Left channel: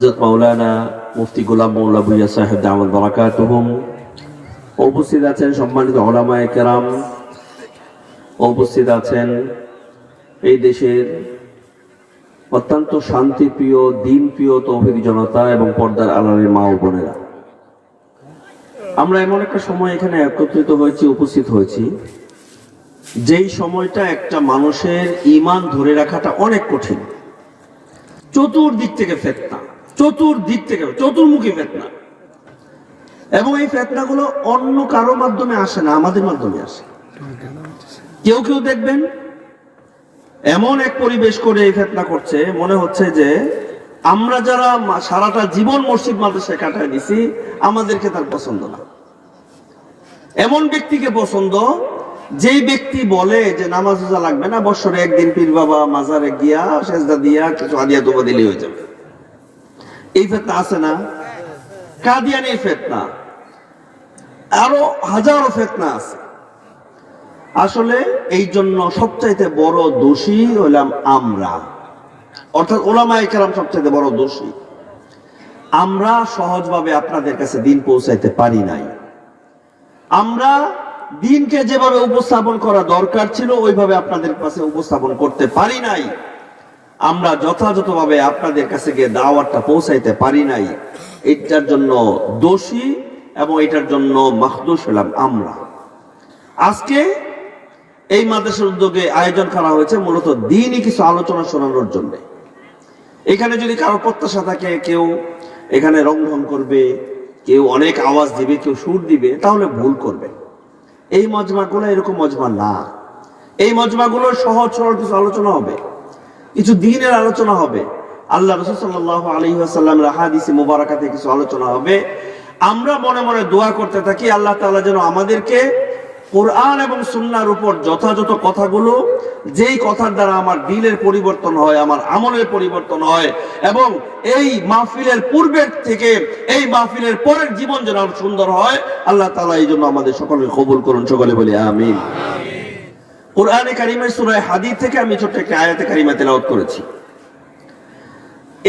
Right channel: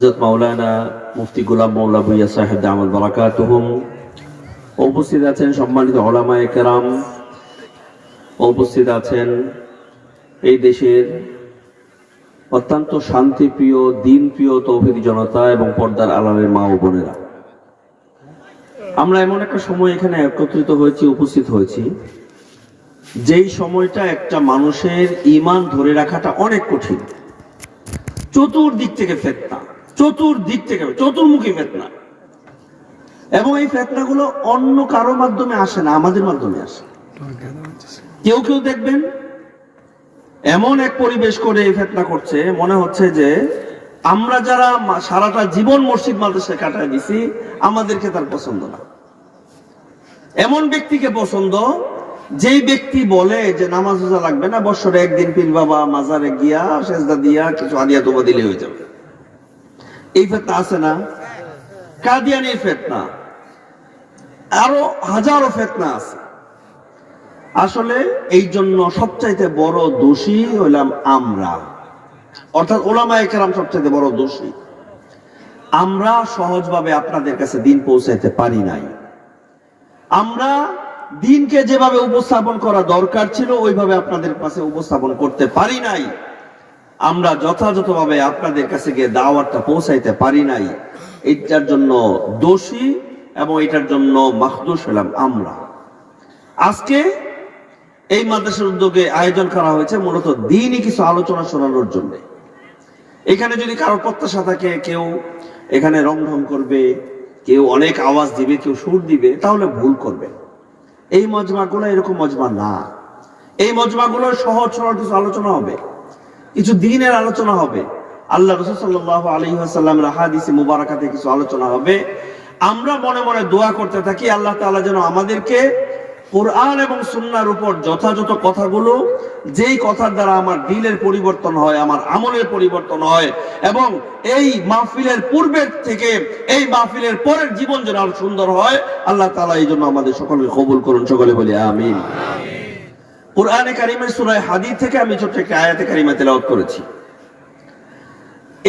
মাওলানা মুফতি গোলাম মাওলা ভুইয়া সাহেব দামাল বারাকাতুহুম, উপস্থিত আছেন সম্মানিত উলামায়ে কেরাম, উপস্থিত আছেন এই দেশের অত্যন্ত শান্তিপ্রিয় দিনপ্রিয় তৌহিদি জনতা এবং পর্দার আড়ালের মা ও বোনেরা। আমরা এমন একটা সময় এখানে একত্রিত হয়েছি, উপস্থিত হয়েছি, যেই সময়টা একটা মানুষের ঈমান ধরে রাখাটা অনেক কঠিন। চতুর্দিক থেকে ফিতনা, চতুর্দিক থেকে চতুর্মুখী ফিতনা, এবং এই ফিতনাগুলো অন্য কারো মাধ্যমে আসে না, আমাদের মাধ্যমে আসে। কেউ কেউ দেখবেন এমন এক পরিবেশ করে এই ফিতনা করছে, মনে হচ্ছে যে আমরা যারা সারাটা জীবন মসজিদ মাদ্রাসায় কাটায় দিছি আমাদেরকে তার পছন্দ না। এমন ব্যক্তিকে পছন্দ যেই ব্যক্তি বলে যে নামাজ রোজা লাগবে না, বছরে একদিন পীর বাবা মাজারে গিয়া সেজদা দিয়া কিছু হাদিয়া তোবা দিলেই হয়ে যাবে। এই ফিতনা আছে না? কাদিয়ানি ফিতনা, আরো হাজারো ফিতনা আছে। আসলে এই জন্য সবচাইতে বড় দোষী হইলাম আমরা, অর্থাৎ উলামায়ে কেরাম সবচাইতে বড় দোষী। আমরা সহজভাবে আপনাদের কাছে দিন পৌঁছাইতে পারি নাই। আমরা দিনকে যেভাবে উপস্থাপন করা দরকার ছিল ওইভাবে আপনাদের কাছে উপস্থাপন করতে পারি নাই। আমরা যথাযথভাবে আপনাদের কাছে গিয়ে দাওয়াতটা পৌঁছাইতে পারি নাই। এটার জন্য দোষী এবং এটার জন্য মাহদুস হলাম আমরা। আজকে এই মাদ্রাসার উদ্যোগে আয়োজন করা হয়েছে মূলত দিনই কিছু আলোচনা শোনানোর জন্য। এখানে যদি কারো প্রত্যাশা থাকে কেউ এখানে রংঢং করবে, কেউ অনেক আওয়াজ দিবে, কেউ সুর দিবে, তাহলে ভুল করবে। এই মজমাগুলো এরকম মজমা না। এই মজমাগুলোর সহজ সরল কিছু আলোচনা হবে, কিছু দিনের আলোচনা হবে, আল্লাহ রাসূল সাল্লাল্লাহু আলাইহি ওয়াসাল্লামের হাদিসে মুবারাকাতে কিছু আলোচনা হবে। আমরা মনে মনে দোয়া করতে থাকি আল্লাহ তাআলা যেন আমাদেরকে কোরআন এবং সুন্নাহর উপর যথাযথ কথাগুলো, যেই কথার দ্বারা আমার দিলের পরিবর্তন হয়, আমার আমলের পরিবর্তন হয়, এবং এই মাহফিলের পূর্বের থেকে এই মাহফিলের পরের জীবন যেন আরো সুন্দর হয়, আল্লাহ তাআলা এই জন্য আমাদের সকলকে কবুল করুন। সকলে বলি আমিন। কোরআনে কারিমের সূরা হাদীদ থেকে আমি ছোট্ট একটা আয়াতে কারিমা তেলাওয়াত করেছি।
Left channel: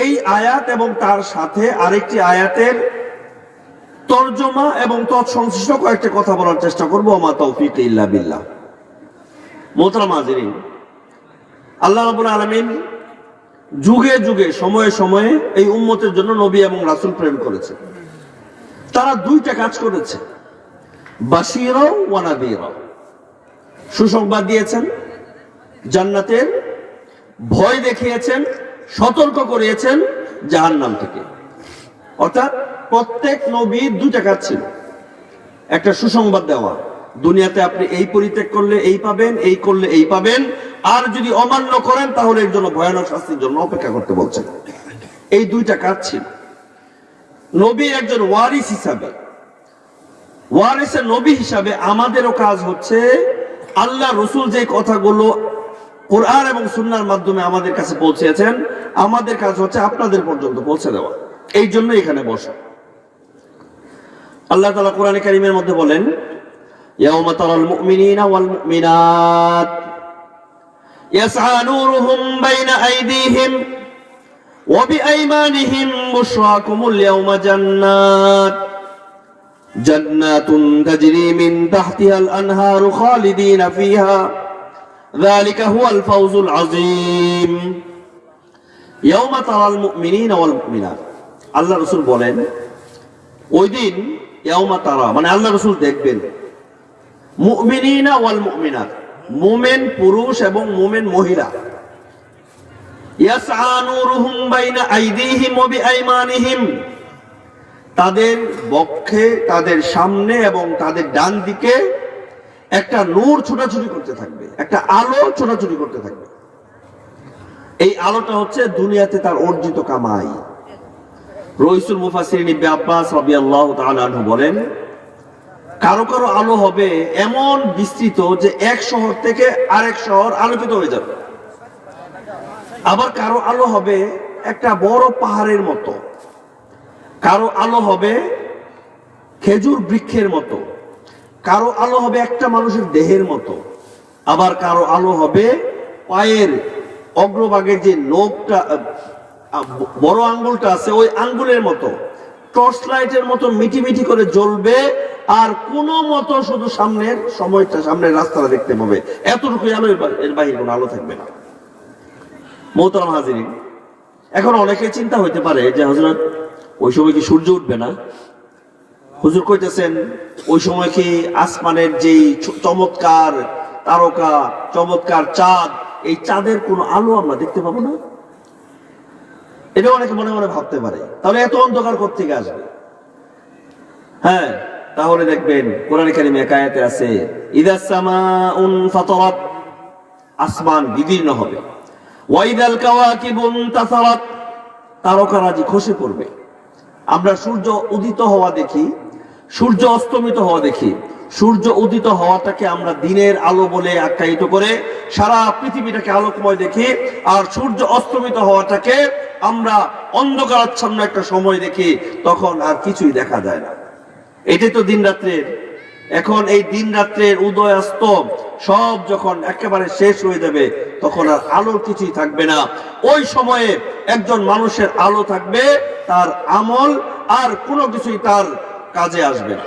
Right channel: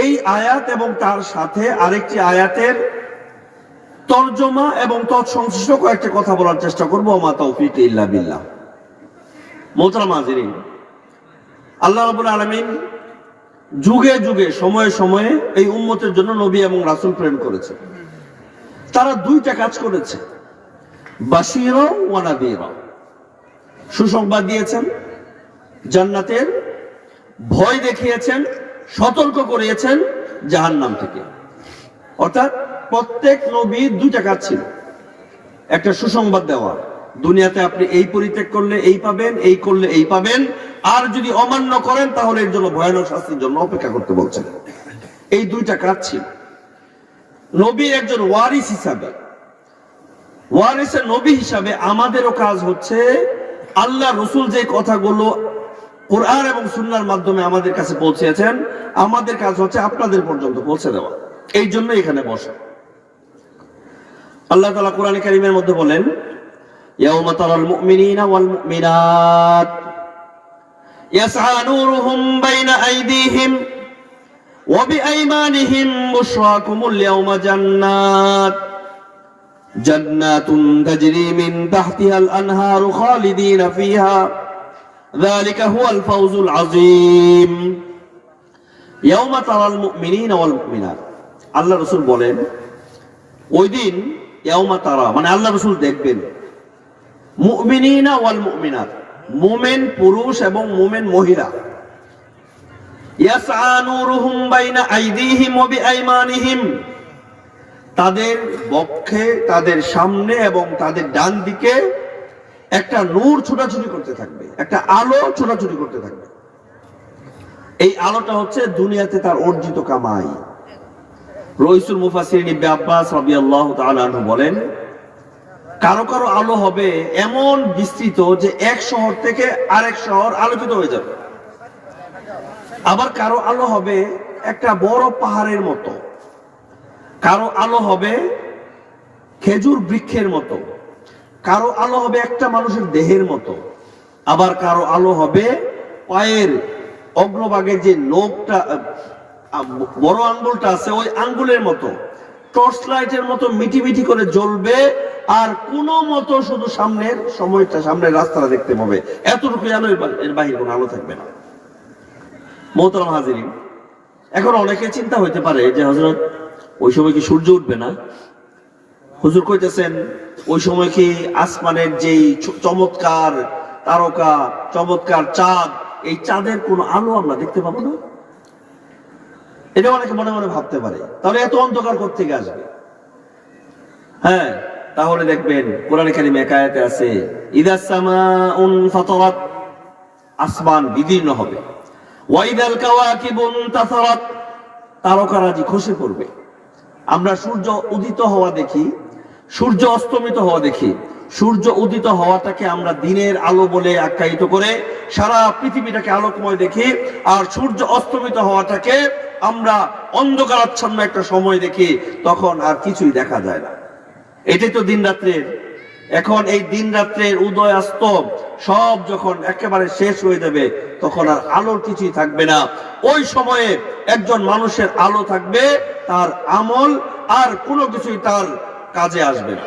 এই আয়াত এবং তার সাথে আরেকটি আয়াতের তরজমা এবং তৎসংশ্লিষ্ট কয়েকটি কথা বলার চেষ্টা করবো। মা তৌফিক ইল্লা বিল্লাহ। মোহতারাম হাজিরিন, আল্লাহ রাব্বুল আলামিন যুগে যুগে সময়ে সময়ে এই উম্মতের জন্য নবী এবং রাসূল প্রেরণ করেছে। তারা দুইটা কাজ করেছে, বাশীরা ওয়া নাযীরা। সুসংবাদ দিয়েছেন, জান্নাতের ভয় দেখিয়েছেন, সতর্ক করিয়েছেন জাহান্নাম থেকে। অর্থাৎ প্রত্যেক নবীর দুইটা কাজ ছিল, একটা সুসংবাদ দেওয়া, দুনিয়াতে আপনি এই পরিত্যাগ করলে এই পাবেন, এই করলে এই পাবেন, আর যদি অমান্য করেন তাহলে এর জন্য ভয়ানক শাস্তির জন্য অপেক্ষা করতে বলছেন। এই দুইটা কাজ ছিল। নবী একজন ওয়ারিস হিসাবে, ওয়ারিসের নবী হিসাবে আমাদেরও কাজ হচ্ছে আল্লাহ রসুল যে কথাগুলো কোরআন এবং সুন্নাহর মাধ্যমে আমাদের কাছে পৌঁছেছেন, আমাদের কাজ হচ্ছে আপনাদের পর্যন্ত পৌঁছে দেওয়া। এই জন্য এখানে বসা। আল্লাহ তাআলা কোরআনে কারীমের মধ্যে বলেন, ইয়াউমা তারাল মুমিনিনা ওয়াল মুমিনাত ইয়াসআ নূরুহুম বাইনা আইদিহিম ওয়া বিআইমানিহিম বুশরাকুমুল ইয়াওমা জান্নাতুন তাজরি মিন তাহতিহাল আনহারু খালিদিনা ফিহা যালিকা হুয়াল ফাওজুল আযীম। ইয়াউমা তারাল মুমিনিনা ওয়াল মুমিনাত, আল্লাহ রাসূল বলেন ওই দিন ইয়াউমা তারা মানে আল্লাহ রাসূল দেখবেন মুমিনিনা ওয়াল মুমিনাত, মুমিন পুরুষ এবং মুমিন মহিলা, ইয়াসআ নূরুহুম বাইনা আইদিহিম ওয়া বিআইমানিহিম, তাদের বক্ষে, তাদের সামনে এবং তাদের ডান দিকে একটা নূর ছোটাছুটি করতে থাকবে, একটা আলো ছোটাছুটি করতে থাকবে। এই আলোটা হচ্ছে দুনিয়াতে তার অর্জিত কামাই। রাইসুল মুফাসসিরিন ইবনে আব্বাস রাদিয়াল্লাহু তাআলা আনহু বলেন, কারো কারো আলো হবে এমন বিস্তৃত যে এক শহর থেকে আরেক শহর আলোকিত হয়ে যাবে। আবার কারো আলো হবে একটা বড় পাহাড়ের মতো, কারো আলো হবে খেজুর বৃক্ষের মতো, কারো আলো হবে একটা মানুষের দেহের মতো, আবার কারো আলো হবে পায়ের অগ্রভাগে যে নখটা বড় আঙ্গুলটা আছে ওই আঙ্গুলের মতো টর্চ লাইটের মতো মিটি মিটি করে জ্বলবে, আর কোন মতো শুধু সামনের সময়টা, সামনের রাস্তাটা দেখতে পাবে, এতটুকুই আলো, এর বাইরে কোনো আলো থাকবে না। মোহতারাম হাজিরিন, এখন অনেকে চিন্তা হইতে পারে যে হযরত ওই সময় কি সূর্য উঠবে না? হুজুর কইতেছেন ওই সময় কি আসমানের যেই চমৎকার তারকা, চমৎকার চাঁদ, এই চাঁদের কোনো আলো আমরা দেখতে পাবো না? এটা অনেকে মনে মনে ভাবতে পারে। তাহলে এত অন্ধকার কোত্থেকে আসবে? হ্যাঁ, তাহলে দেখবেন কোরআন কারীমে এক আয়াতে আছে, ইদাস সামাউন ফাতারাত, আসমান বিদীর্ণ হবে, ওয়া ইদাল কাওয়াকিবুন তাসারাত, তারকারাজি খসে পড়বে। আমরা সূর্য উদিত হওয়া দেখি, সূর্য অস্তমিত হওয়া দেখি। সূর্য উদিত হওয়াটাকে আমরা দিনের আলো বলে আখ্যায়িত করে সারা পৃথিবীটাকে আলোকময় দেখি, আর সূর্য অস্তমিত হওয়াটাকে আমরা অন্ধকারাচ্ছন্ন একটা সময় দেখি, তখন আর কিছুই দেখা যায় না। এটাই তো দিন রাত্রের। এখন এই দিন রাত্রের উদয় অস্ত সব যখন একেবারে শেষ হয়ে যাবে, তখন আর আলোর কিছুই থাকবে না। ওই সময়ে একজন মানুষের আলো থাকবে তার আমল, আর কোনো কিছুই তার কাজে আসবে না,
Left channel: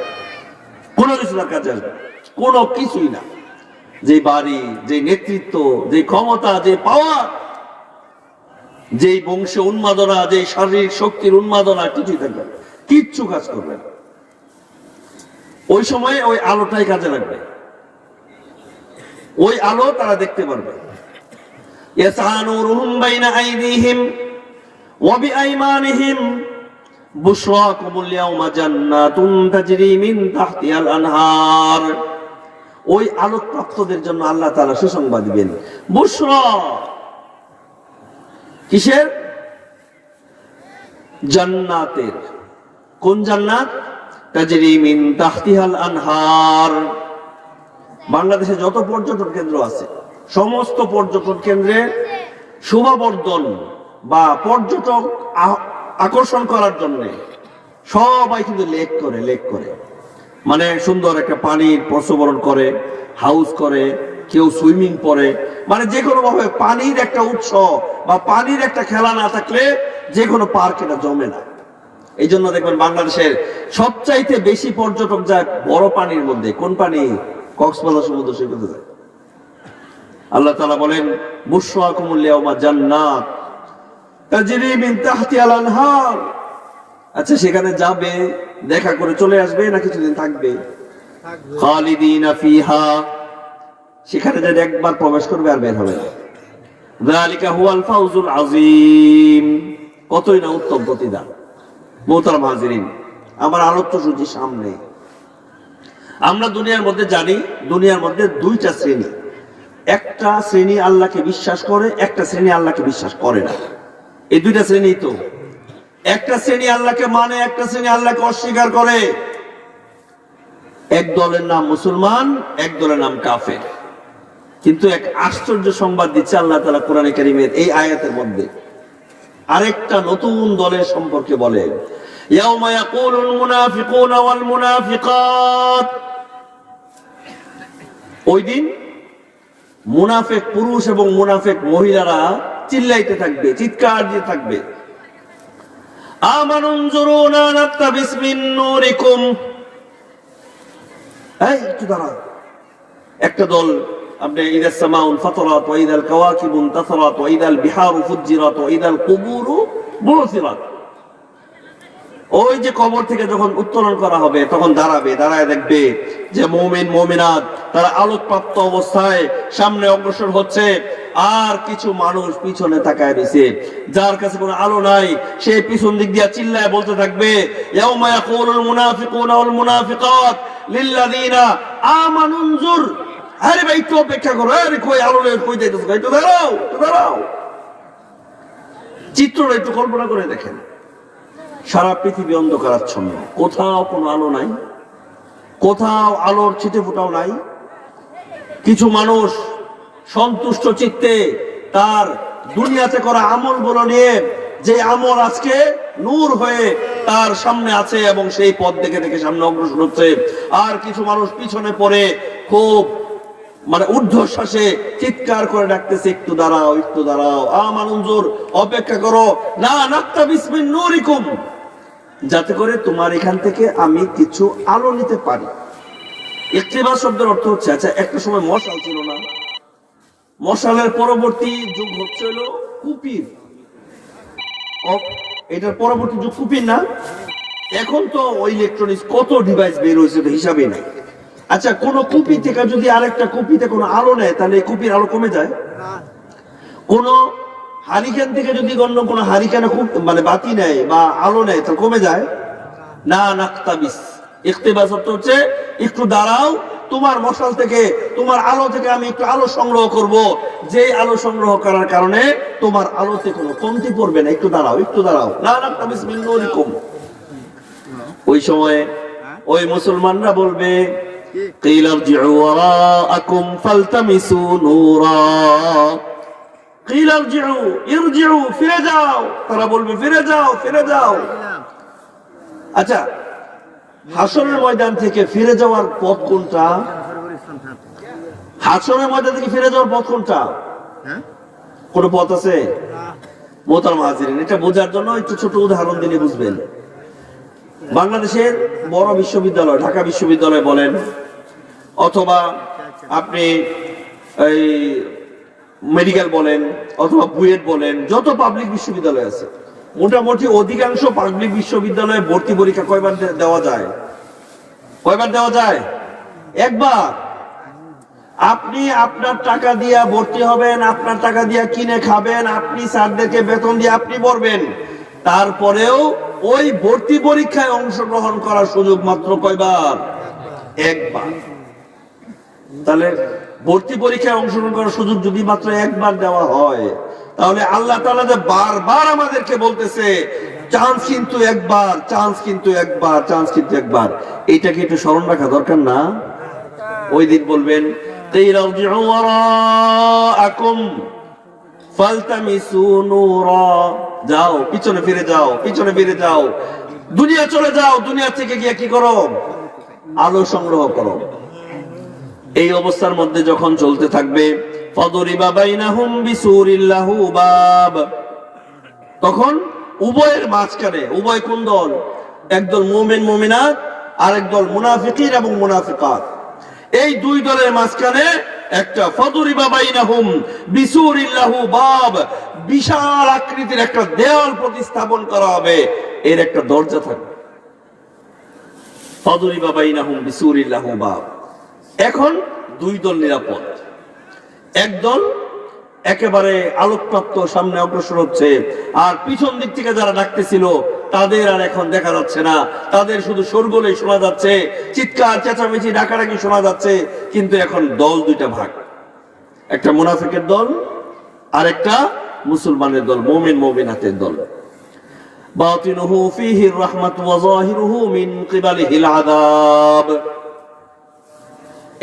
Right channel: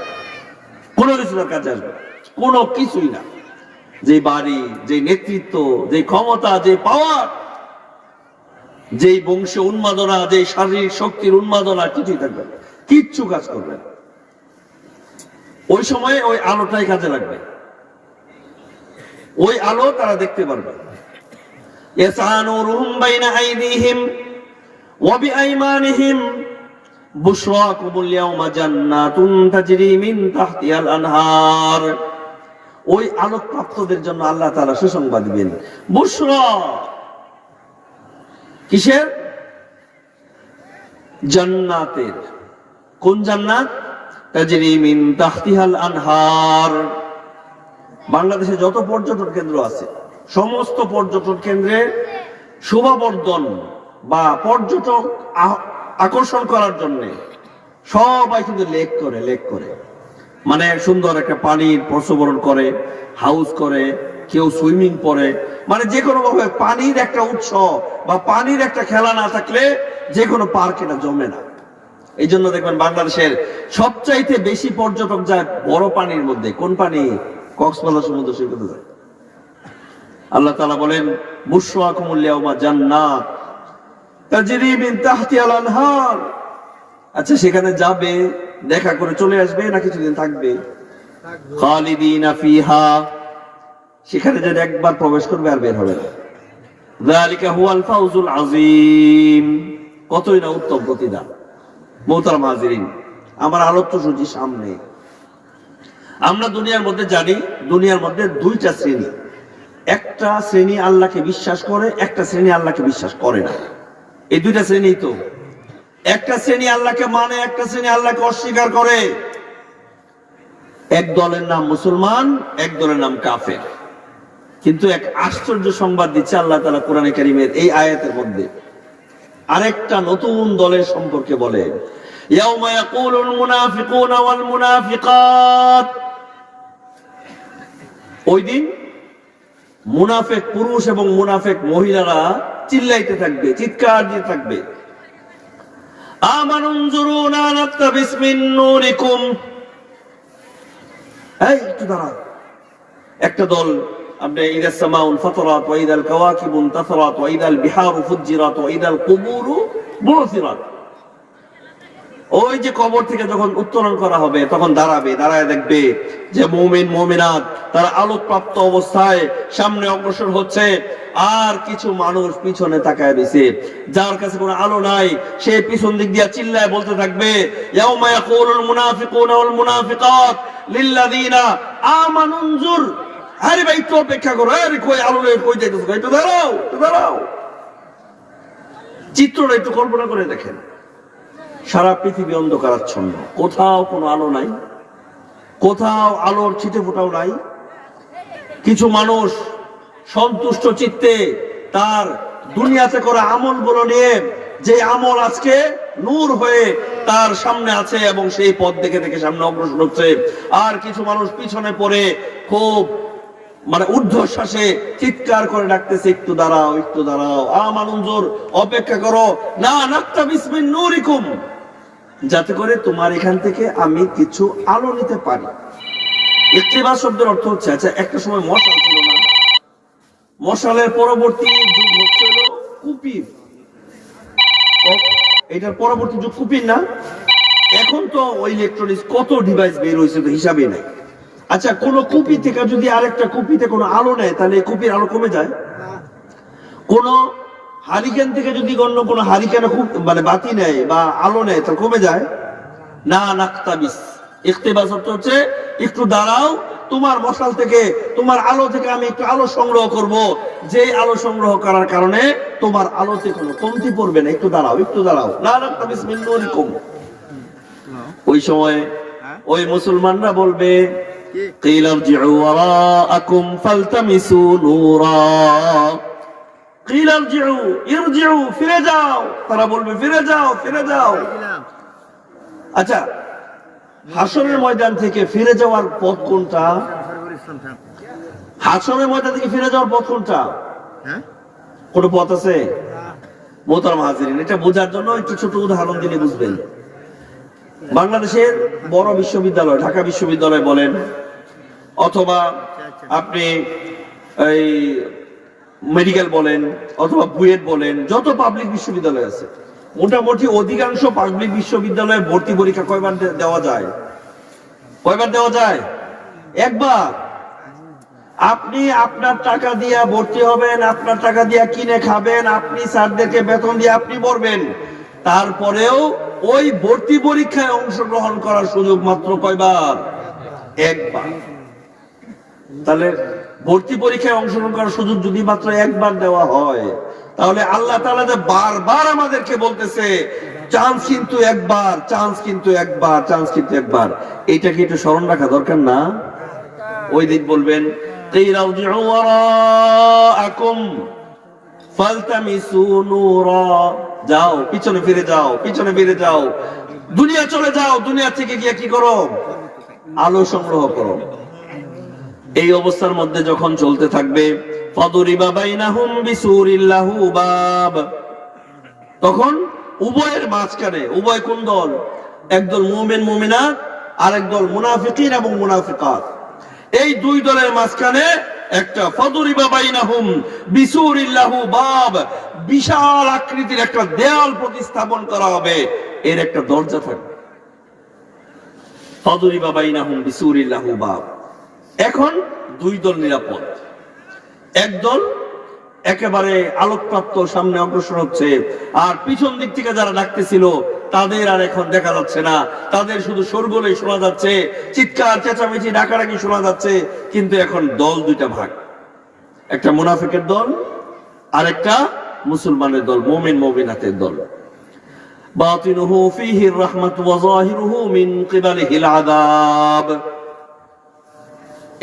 কোনো কিছু তার কাজে আসবে না, কোনো কিছুই না। যে বাড়ি, যে নেতৃত্ব, যে ক্ষমতা, যে পাওয়ার, যেই বংশ উন্মাদনা, যে শারীরিক শক্তির উন্মাদনা, কিছুই থাকবে না, কিচ্ছু কাজ করবে না। ওই সময়ে ওই আলোটাই কাজে লাগবে, ওই আলো তারা দেখতে পারবে। ইয়াসানুরুহুম বাইনা আইদিহিম ওয়া বিআইমানিহিম বুশরাকুমুল ইয়াওমা জান্নাতুন তাজরি মিন তাহতিহাল আনহার। ওই আলোকপ্রাপ্তদের জন্য আল্লাহ তাআলা সুসংবাদ দিবেন। বুশরা কিসের? জান্নাতের। কোন জান্নাত? তাজরি মিন তাহতিহাল আনহার। বাংলাদেশে যত পর্যটন কেন্দ্র আছে, সমস্ত পর্যটন কেন্দ্রের শোভাবর্ধন বা পর্যটক আকর্ষণ করার জন্য সবাই কিন্তু লেক করে, মানে সুন্দর একটা পানির প্রসবরণ করে, হাউস করে, কেউ সুইমিং করে, মানে যে কোনো ভাবে পানির একটা উৎস বা পানির একটা খেলা না থাকলে যে কোনো পার্ক এটা জমে না। এই জন্য দেখবেন বাংলাদেশের সবচাইতে বেশি পর্যটক যায় বড় পানির মধ্যে। কোন পানি? কক্সবাজার সমুদ্র সৈকতে যায়। আল্লাহ তাআলা বলেন, বুশরাকুমুল ইয়াওমা জান্নাত তাজরি মিন তাহতিহাল আনহার। আচ্ছা, সেখানে যাবে, দেখা করে চলে আসবে, না কিছুদিন থাকবে? খালিদিনা ফিহা, সেখানে যে একবার প্রবেশ করবে আর বের হবে না। যালিকা হুয়াল ফাউজুল আযীম। কতই না উত্তম প্রতিদান। মোহতারাম হাজিরিন, আমার আলোচ্য সূচি সামনে। আমরা দুনিয়ার মধ্যে জানি, দুনিয়ার মধ্যে দুইটা শ্রেণী। একটা শ্রেণী আল্লাহকে বিশ্বাস করে, একটা শ্রেণী আল্লাহকে বিশ্বাস করে না। এই দুইটা শ্রেণী তো। একটা শ্রেণী আল্লাহকে মানে, একটা শ্রেণী আল্লাহকে অস্বীকার করে। এক দলের নাম মুসলমান, এক দলের নাম কাফের। কিন্তু এক আশ্চর্য সংবাদ দিচ্ছে আল্লাহ তাআলা কোরআনে কারীমের এই আয়াতের মধ্যে। আরেকটা নতুন দলের সম্পর্কে বলেন, ইয়াউমা ইয়াকুলুল মুনাফিকুনা ওয়াল মুনাফিকাত। ওই দিন মুনাফিক পুরুষ এবং মুনাফিক মহিলারা চিল্লাইতে থাকবে, চিৎকার দিয়ে থাকবে, আমানুনজুরুনা নাত্তাবিস মিন নূরিকুম। এই একটু দাঁড়াও। একটা দল, আপনি ইদাস সামাউন ফাতারাত ওয়া ইদাল কাওয়াকিবুন তাসারাত ওয়া ইদাল বিহারু ফুজ্জিরাত ওয়া ইদাল কুবুরু বুরসিরাত। ওই যে কবর থেকে যখন উত্তোলন করা হবে, তখন দাঁড়াবে, দাঁড়ায় দেখবে যে মুমিন মুমিনাত তারা আলোকপ্রাপ্ত অবস্থায় সামনে অগ্রসর হচ্ছে, আর কিছু মানুষ পিছনে তাকায় রয়েছে, যার কাছে কোনো আলো নাই, সে পিছন দিক দিয়ে চিল্লায় বলতে থাকবে, ইয়াউমা ইয়াকুলুল মুনাফিকুনা ওয়াল মুনাফিকাত লিল্লাযিনা আমানুনজুর। আরে ভাই একটু অপেক্ষা করো, আরে কই আলো নেই, কই যাইতেছো, একটু দাঁড়াও, একটু দাঁড়াও। চিত্রটা একটু কল্পনা করে দেখেন। সারা পৃথিবী অন্ধকারাচ্ছন্ন, কোথাও কোনো আলো নাই, কোথাও আলোর ছিটে ফোটাও নাই। কিছু মানুষ সন্তুষ্ট চিত্তে তার দুনিয়াতে করা আমলগুলো নিয়ে, যে আমল আজকে নূর হয়ে তার সামনে আছে এবং সেই পথ দেখে দেখে সামনে অগ্রসর হচ্ছে, আর কিছু মানুষ পিছনে পড়ে খুব মানে ঊর্ধ্বশ্বাসে চিৎকার করে ডাকতেছে, একটু দাঁড়াও, একটু দাঁড়াও, আমানুনজুর, অপেক্ষা করো, না নাক্তাবিস মিন নূরিকুম, যাতে করে তোমার এখান থেকে আমি কিছু আলো নিতে পারি। ইক্তিবাস শব্দের অর্থ হচ্ছে, আচ্ছা একটা সময় মশাল ছিল না, মশালের পরবর্তী যুগ হচ্ছে হলো কুপির, এটার পরবর্তী যুগ কুপির না। এখন তো ওই ইলেকট্রনিক্স কত ডিভাইস বের হয়েছে তো হিসাবে নেই। আচ্ছা কোন কুপি থেকে যদি আরেকটা কুপিতে কোনো আলো নেয় তাহলে এই কুপির আলো কমে যায়? কোন হারিকেন থেকে যদি অন্য কোনো হারিকেনে খুব মানে বাতি নেয় বা আলো নেয় তাহলে কমে যায় না। নাক্তাবিস, ইক্তিবাস অর্থ হচ্ছে একটু দাঁড়াও, তোমার মশাল থেকে, তোমার আলো থেকে আমি একটু আলো সংগ্রহ করব, যে আলো সংগ্রহ করার কারণে তোমার আলোতে কোনো কমতি পড়বে না, একটু দাঁড়াও, একটু দাঁড়াও, না নাক্তাবিস মিন নূরিকুম। ওই সময় ওই মুসলমানরা বলবে, কিলা ইরজিউ ওয়ারাআকুম ফালতামিসু নূরা, কিলা ইরজিউ, ইরজিউ ফিরে যাও, তারা বলবে ফিরে যাও, ফিরে যাও। আচ্ছা হাসরের ময়দান থেকে ফিরে যাওয়ার পথ কোনটা? হাসরের ময়দান থেকে ফিরে যাওয়ার পথ কোনটা? কোন পথ আছে? মোহতারাম হাজিরিন, এটা বোঝার জন্য একটু ছোট উদাহরণ দিলে বুঝবেন। বাংলাদেশের বড় বিশ্ববিদ্যালয়, ঢাকা বিশ্ববিদ্যালয় বলেন, অথবা আপনি এই মেডিকেল বলেন, অথবা বুয়েট বলেন, যত পাবলিক বিশ্ববিদ্যালয় আছে, মোটামুটি অধিকাংশ পাবলিক বিশ্ববিদ্যালয়ে ভর্তি পরীক্ষা কয়বার দেওয়া যায়? কয়বার দেওয়া যায়? একবার। আপনি আপনার টাকা দিয়ে ভর্তি হবেন, আপনার টাকা দিয়ে কিনে খাবেন, আপনি স্যারদেরকে বেতন দিয়ে আপনি পড়বেন, তারপরেও ওই ভর্তি পরীক্ষায় অংশগ্রহণ করার সুযোগ মাত্র কয়বার? একবার। তাহলে ভর্তি পরীক্ষায় অংশগ্রহণ করার সুযোগ যদি মাত্র একবার দেওয়া হয়, তাহলে আল্লাহ তাআলা যে বারবার আমাদেরকে বলতেছে চান্স কিন্তু একবার, চান্স কিন্তু একবার, চান্স কিন্তু একবার, এইটাকে একটু স্মরণ রাখা দরকার না? ওই দিন বলবেন কিলা ইরজিউ ওয়ারাআকুম ফালতামিসু নূরা, যাও পিছনে ফিরে যাও, পিছনে ফিরে যাও, দুনিয়া চলে যাও, দুনিয়া থেকে গিয়ে কি করো? আলো সংগ্রহ করো। এই অবস্থার মধ্যে যখন চলতে থাকবে, ফাদুরিবা বাইনাহুম বিসুরিল লাহু বাব, তখন উভয়ের মাঝখানে, উভয় কোন দল? একদল মুমিন মুমিনাত আর একদল মুনাফিকিন এবং মুনাফিকাত, এই দুই দলের মাঝখানে একটা ফাদুরিবা বাইনাহুম বিসুরিল লাহু বাব, বিশাল আকৃতির একটা দেয়াল প্রতিস্থাপন করা হবে, এর একটা দরজা থাকবে। ফাদুরিবা বাইনাহুম বিসুরিল লাহু বাব। এখন দুই দল নিরাপদ, একদল একেবারে আলোকপ্রাপ্ত সামনে অগ্রসর হচ্ছে, আর পিছন দিক থেকে যারা ডাকতেছিল তাদের আর এখন দেখা যাচ্ছে না, তাদের শুধু শোরগোলই শোনা যাচ্ছে, চিৎকার চেঁচামেচি ডাকাডাকি শোনা যাচ্ছে। কিন্তু এখন দল দুইটা ভাগ, একটা মুনাফিকের দল আর একটা মুসলমানের দল, মুমিন মুমিনাতের দল। বাতিনুহু ফীহির রাহমাতু ওয়া যাহিরুহু মিন কিবালিহিল আযাব।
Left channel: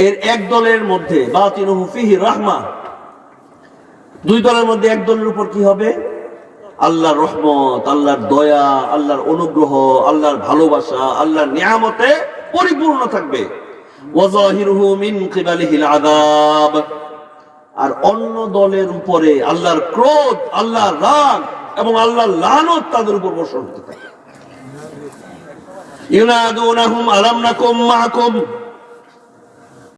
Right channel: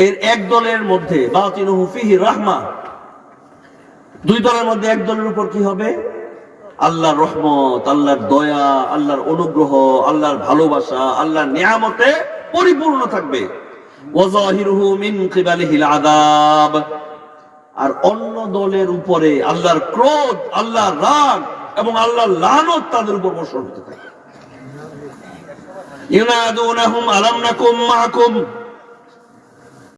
এর এক দলের মধ্যে বাতিনুহু ফীহির রাহমা, দুই দলের মধ্যে এক দলের উপর কি হবে? আল্লাহর রহমত, আল্লাহর দয়া, আল্লাহর অনুগ্রহ, আল্লাহর ভালোবাসা, আল্লাহর নিয়ামতে পরিপূর্ণ থাকবে। ওয়া যাহিরুহু মিন কিবালিহিল আযাব। আর অন্য দলের উপরে আল্লাহর ক্রোধ, আল্লাহর রাগ এবং আল্লাহর লানত তাদের উপর বর্ষণ হতে থাকে। ইউনাদুনাহুম আলাম নাকুম মাআকুম